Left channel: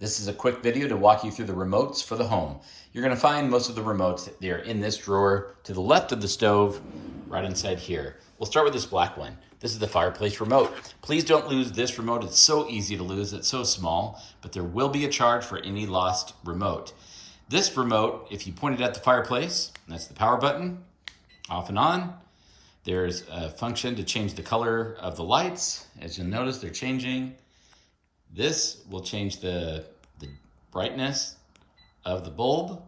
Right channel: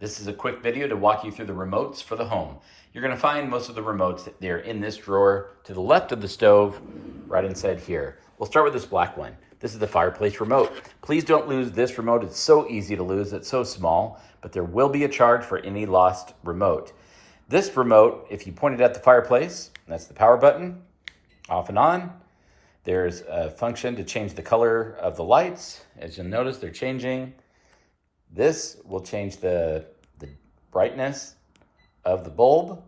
This is a quick video to walk you through the remotes for the home. You're going to find most of the remotes, they're in this drawer to the left of the stove, right inside here. We'll start with this black one. This is the fireplace remote. Please don't lose this remote. It's so easy to lose. It's so small, but there will be a charge for any lost remote. This remote, if you point it at the fireplace, that's the power button, off and on. There's a function to change the color of the lights. As you'll notice, they're changing. This will change the brightness of the bulb.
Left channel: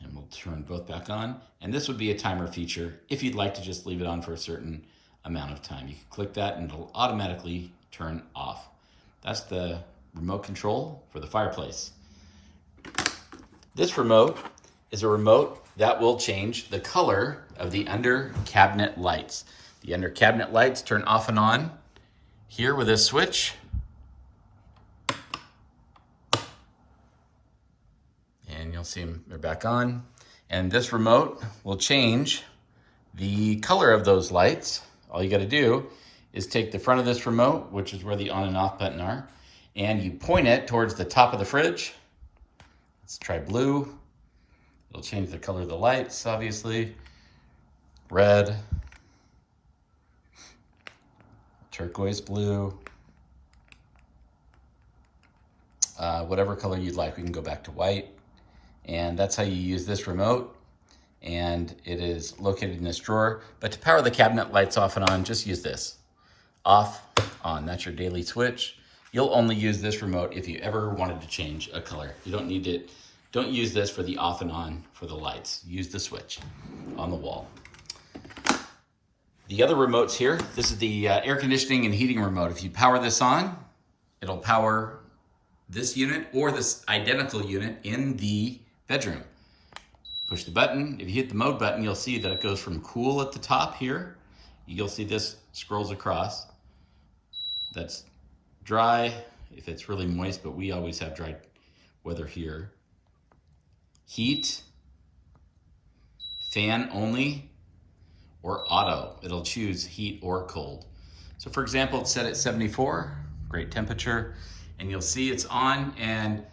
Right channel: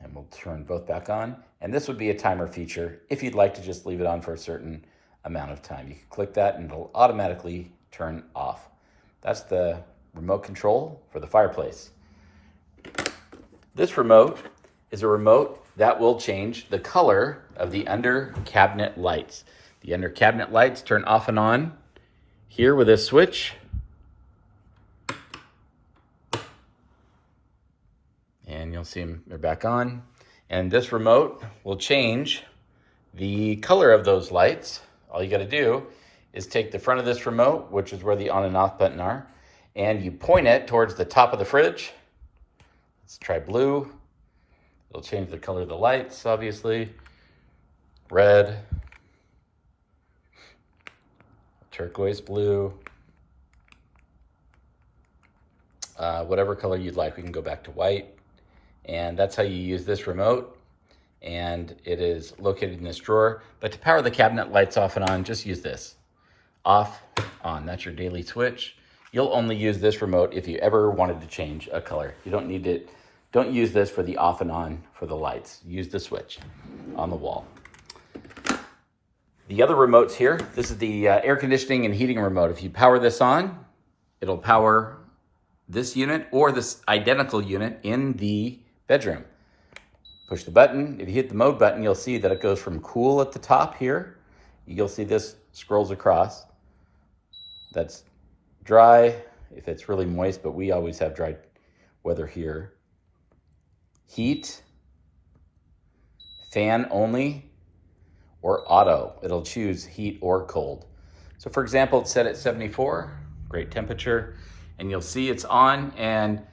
And we'll turn both back on. And this would be a timer feature if you'd like to just leave it on for a certain amount of time. You can click that and it'll automatically turn off. That's the remote control for the fireplace. This remote is a remote that will change the color of the under cabinet lights. The under cabinet lights turn off and on here with this switch. And you'll see them, they're back on. And this remote will change the color of those lights. All you gotta do is take the front of this remote, which is where the on and off button are, and you point it towards the top of the fridge. Let's try blue. It'll change the color of the lights, obviously. Red. Turquoise blue. Whatever color you'd like. We can go back to white. And that's how you use this remote. And it is located in this drawer. But to power the cabinet lights off and on, just use this. Off, on. That's your daily switch. You'll only use this remote if you ever wanted to change a color. You don't need it. Don't use this for the off and on for the lights. Use the switch on the wall. The other remotes here, this is the air conditioning and heating remote. If you power this on, it'll power this unit or this identical unit in the bedroom. Push the button. If you hit the mode button, you'll see that it goes from cool at the top here. You'll see this scrolls across. That's dry if it's really moist, but we always have dry weather here. Heat, fan only, or auto. It'll choose heat or cold. So for example, it's set at 74, great temperature, and you'll see it's on and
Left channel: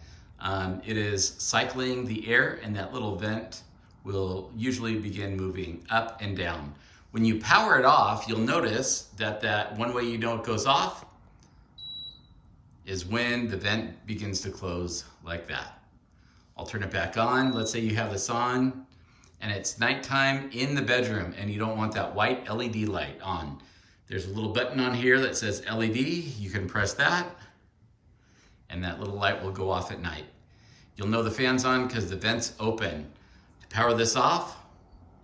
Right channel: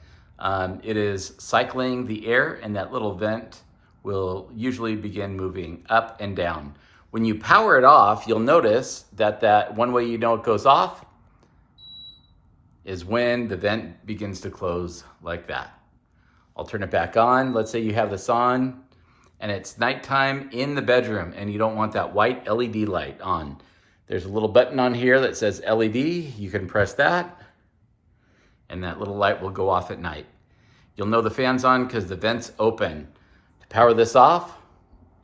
it is cycling the air, and that little vent will usually begin moving up and down. When you power it off, you'll notice that one way you know it goes off is when the vent begins to close like that. I'll turn it back on. Let's say you have this on and it's nighttime in the bedroom and you don't want that white LED light on. There's a little button on here that says LED. You can press that and that little light will go off at night. You'll know the fan's on because the vent's open. To power this off,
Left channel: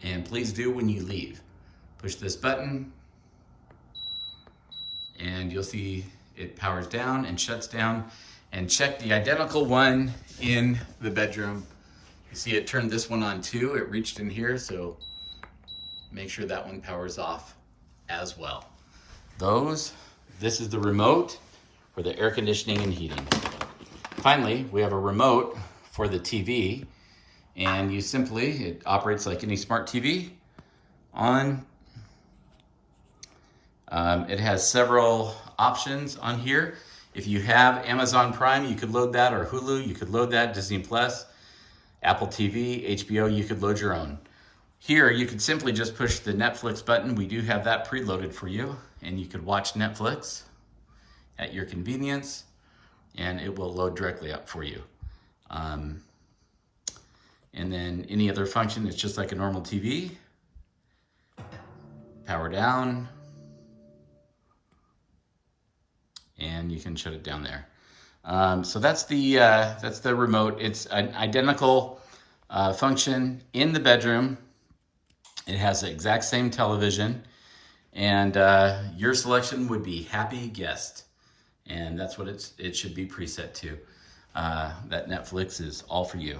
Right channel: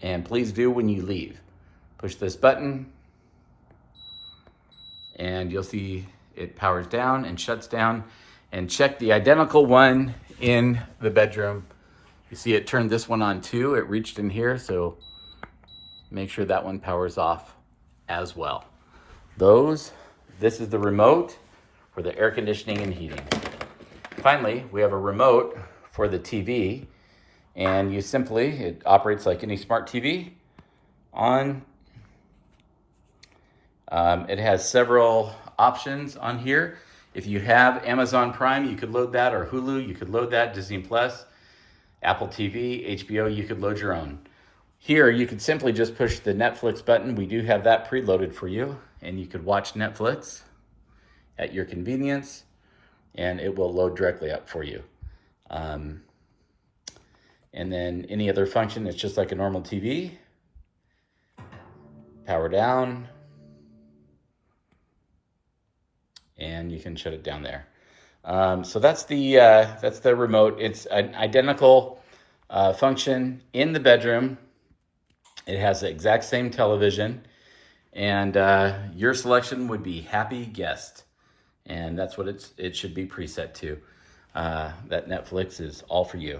and please do when you leave, push this button and you'll see it powers down and shuts down. And check the identical one in the bedroom. You see it turned this one on too. It reached in here, so make sure that one powers off as well. This is the remote for the air conditioning and heating. Finally, we have a remote for the TV, and it operates like any smart TV. It has several options on here. If you have Amazon Prime, you could load that, or Hulu, you could load that, Disney Plus, Apple TV, HBO, you could load your own. Here, you could simply just push the Netflix button. We do have that preloaded for you, and you could watch Netflix at your convenience, and it will load directly up for you. And then any other function, it's just like a normal TV. Power down. And you can shut it down there. So that's the remote. It's an identical function in the bedroom. It has the exact same television, and your selection would be Happy Guest, and that's what it should be preset to. That Netflix is all for you.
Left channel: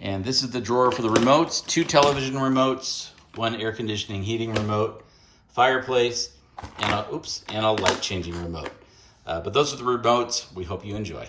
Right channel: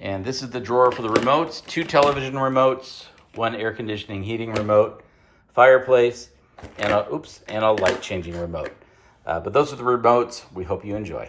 And this is the drawer for the remotes: 2 television remotes, 1 air conditioning heating remote, fireplace, and a light changing remote. But those are the remotes. We hope you enjoy.